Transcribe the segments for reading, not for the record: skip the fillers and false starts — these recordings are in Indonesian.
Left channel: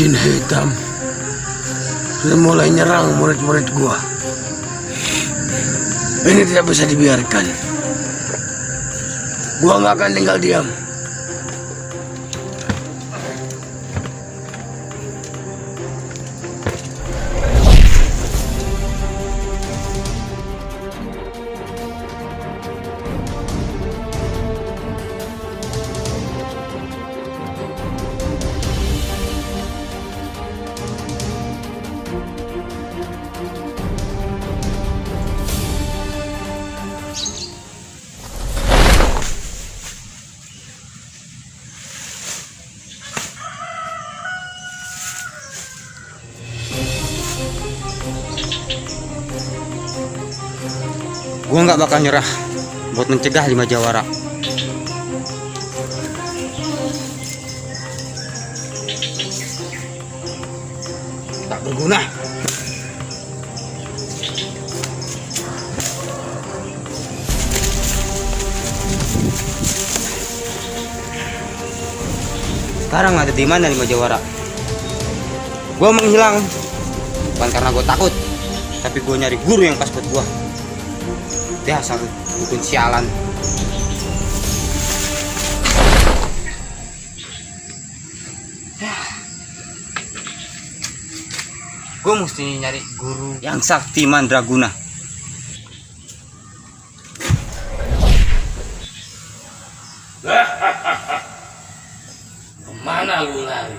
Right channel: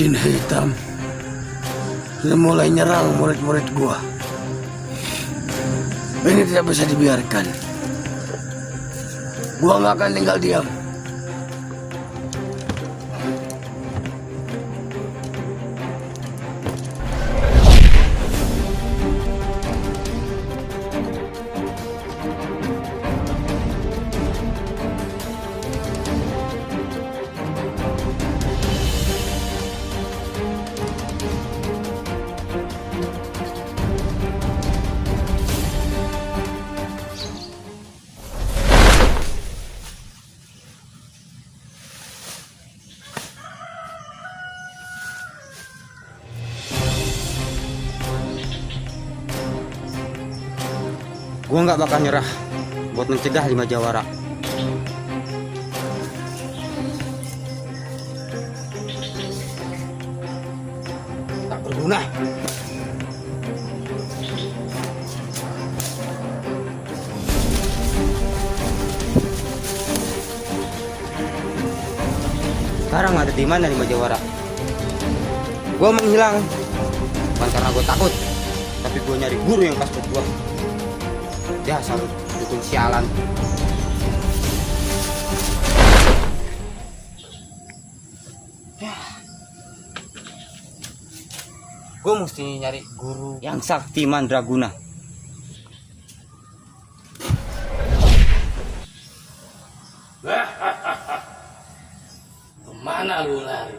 Jin hitam sudah mulai nyerang murid-murid gua. Ini tidak bisa dibiarkan. Gua nggak akan tinggal diam. Gua nggak bakal nyerah buat mencegah 5 jawara. Tak berguna. Sekarang ada di mana 5 jawara? Gua menghilang bukan karena gua takut, tapi gua nyari guru yang pas buat gua. Dasar dukun sialan. Gue mesti nyari guru yang sakti mandraguna. Kemana lu lari?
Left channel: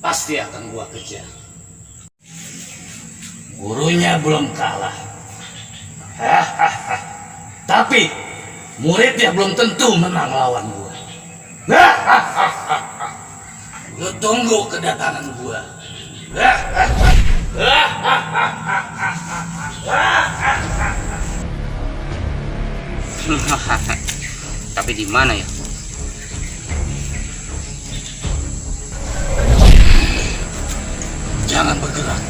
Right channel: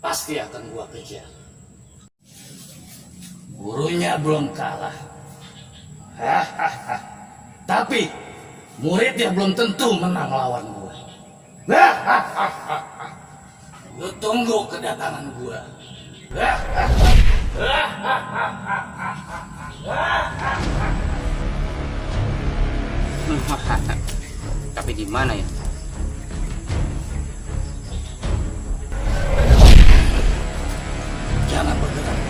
Pasti akan gua kejar. Gurunya belum kalah. Tapi muridnya belum tentu menang melawan gua. Lu tunggu kedatangan gua. Tapi di mana ya? Jangan bergerak.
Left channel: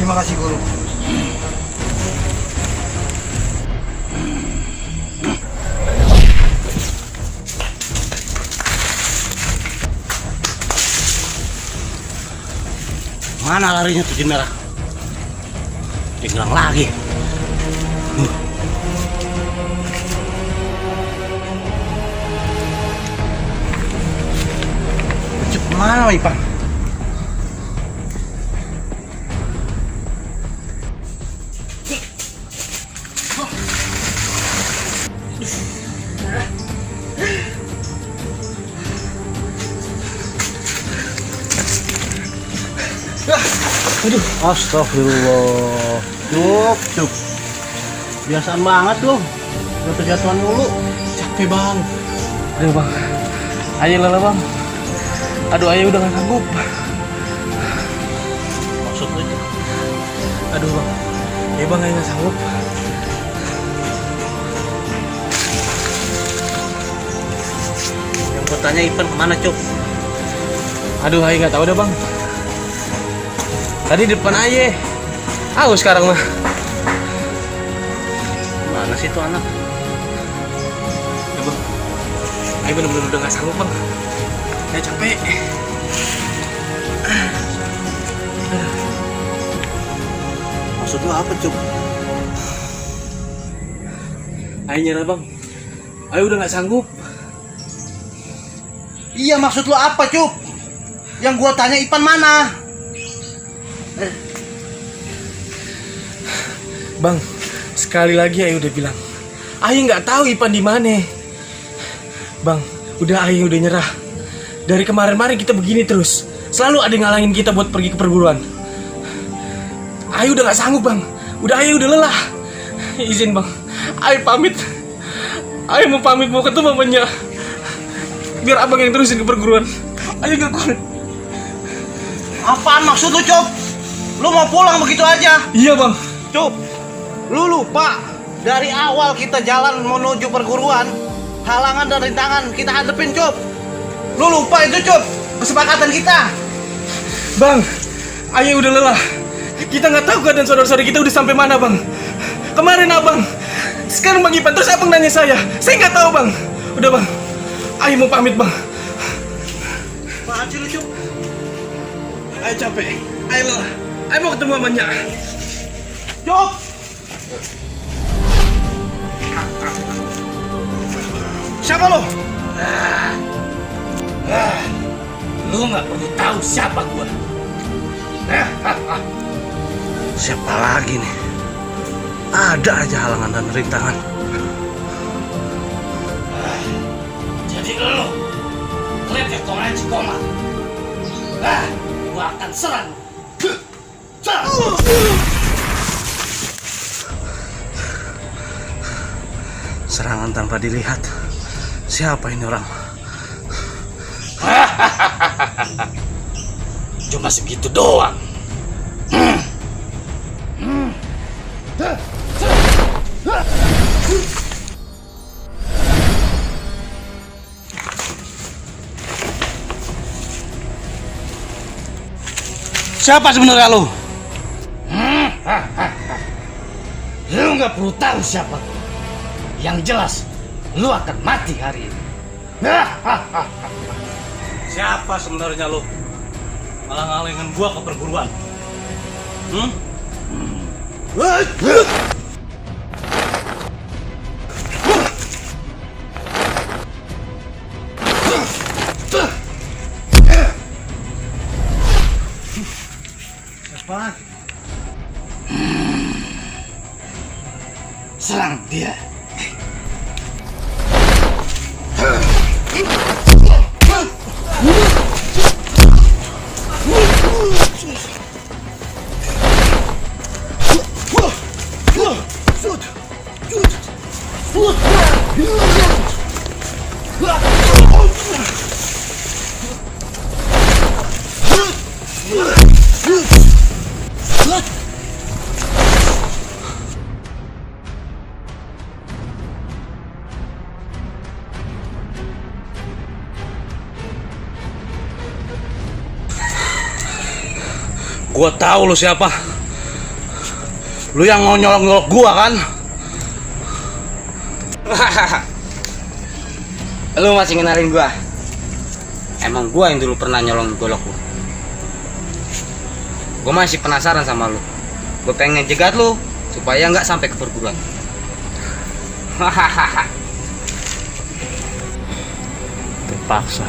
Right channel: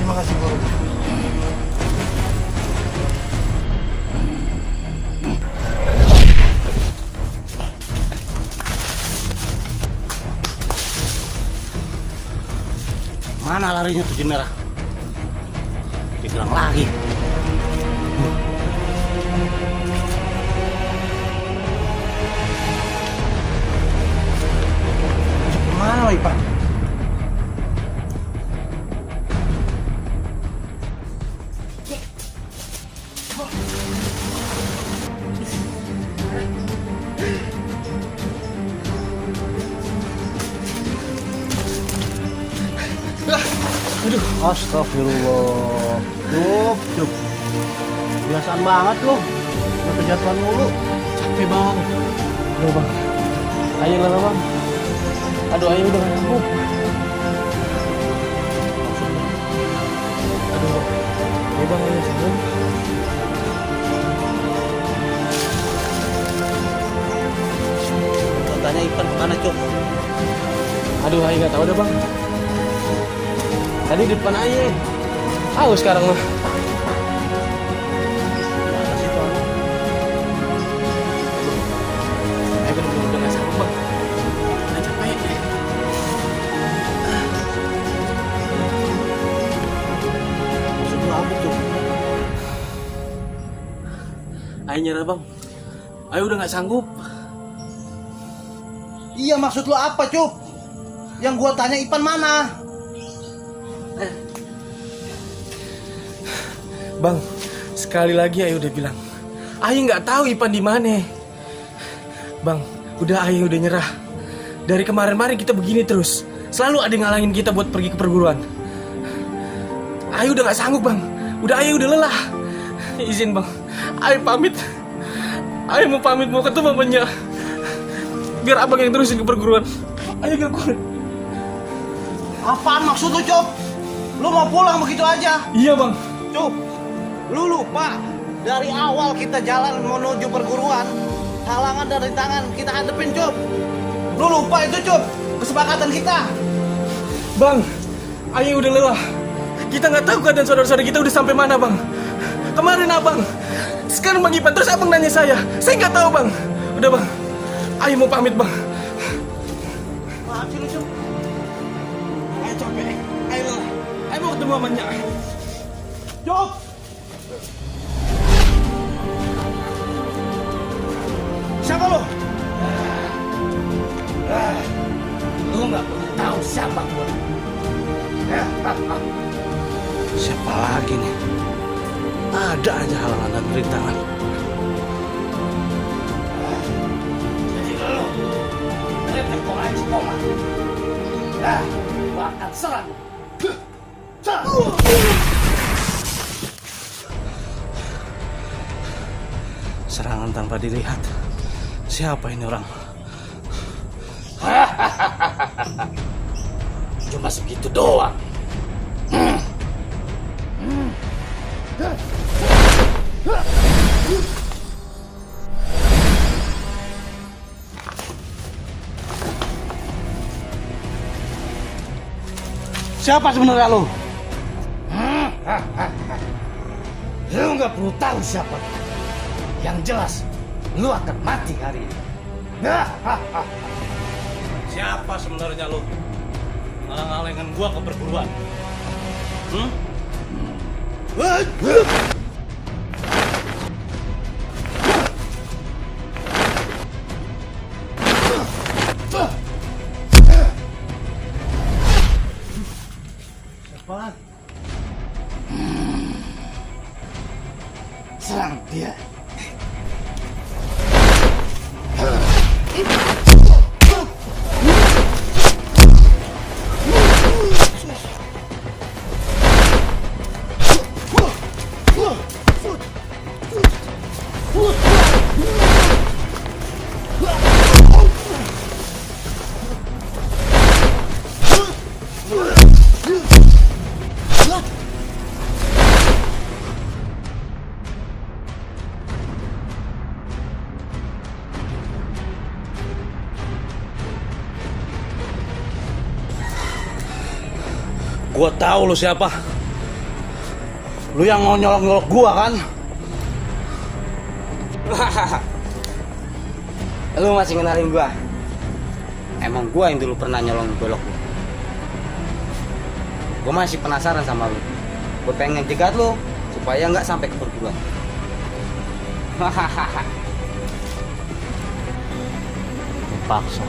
Terima kasih guru. Mana larinya tuh Jin Merah? Diserang lagi. Cepat mana Ipan? Aduh, astagfirullah. Cuk. Biasaan banget lo. Udah kejatuhan mulu. Capek bang. Ayo bang. Ayo lelah bang. Aduh ayo udah gak sanggup. Maksud lu? Aduh bang. Ayo bang ayo gak sanggup. Bertanya Ipan kemana Cuk? Aduh ayo gak tahu dah bang. Tadi di depan aja. Ayo sekarang mah. Mana sih tuh anak? Ayo bang. Ayo bener-bener udah gak sanggup bang. Ayo capek. Maksud lu apa Cuk? Ayo nyerah bang. Ayo udah gak sanggup. Iya maksud lu apa Cuk? Yang gua tanya Ipan mana? Bang, sekali lagi Ayu udah bilang, Ayu nggak tahu Ipan di mana. Bang, udah Ayu udah nyerah. Dari kemarin-kemarin kita begini terus, selalu ada yang ngalangin kita buat pergi ke perguruan. Ayu udah nggak sanggup bang, udah Ayu udah lelah. Izin bang, Ayu pamit. Ayu mau pamit mau ketemu mamanya. Biar abang yang terusin ke perguruan. Ayu gak kuat. Apaan maksud lu Cuk? Lu mau pulang begitu aja? Iya bang. Cup, lu lupa dari awal kita jalan menuju perguruan, halangan dan rintangan kita hadepin, Cup. Lu lupa itu, Cup, kesepakatan kita. Bang, Ayu udah lelah. Kita nggak tahu keadaan saudara-saudara kita udah sampai mana bang. Kemarin abang, sekarang bang Ipan, terus abang nanya saya nggak tahu bang. Udah bang, Ayu mau pamit bang. Apaan sih lu, Cup? Ayu capek, Ayu lelah. Ayu mau ketemu sama Nyak. Cup! Siapa lo? Lu nggak perlu tahu siapa gua. Siapa lagi nih? Ada aja halangan dan rintangan. Jadi lu lepek kong aja koma. Nah, gua akan serang. Serangan tanpa dilihat. Siapa ini orang? Cuma segitu doang. Siapa sebenarnya lu? Lu nggak perlu tahu siapa. Yang jelas, lu akan mati hari ini. Siapa sebenarnya lu? Malah ngalingin gua ke perguruan. Siapa? Serang dia. Gua tahu lu siapa. Lu yang mau nyolok-nyolok gua kan? Lu masih ngenalin gua? Emang gua yang dulu pernah nyolong golok lu. Gua masih penasaran sama lu. Gua pengen jegat lu supaya nggak sampai ke perguruan. Terpaksa.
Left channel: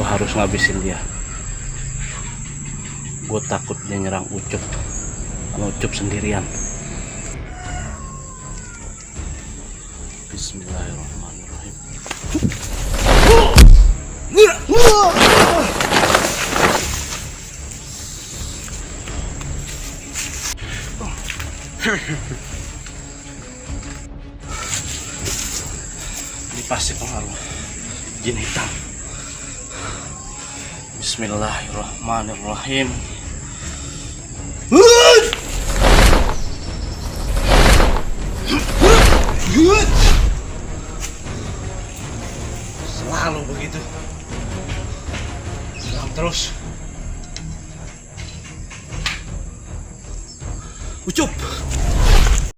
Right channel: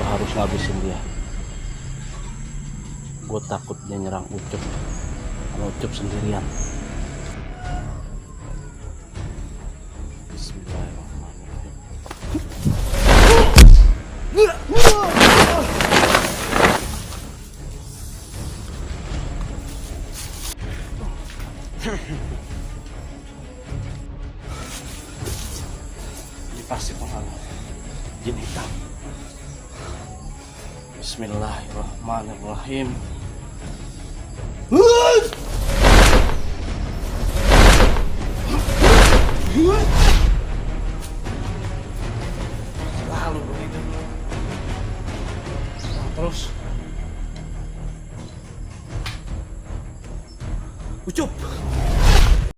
Gua harus ngabisin dia. Gue takut dia nyerang Ucup. Kalau Ucup sendirian. Bismillahirrahmanirrahim. Ini pasti pengaruh jin hitam. Bismillahirrahmanirrahim. Selalu begitu. Terus. Ucup,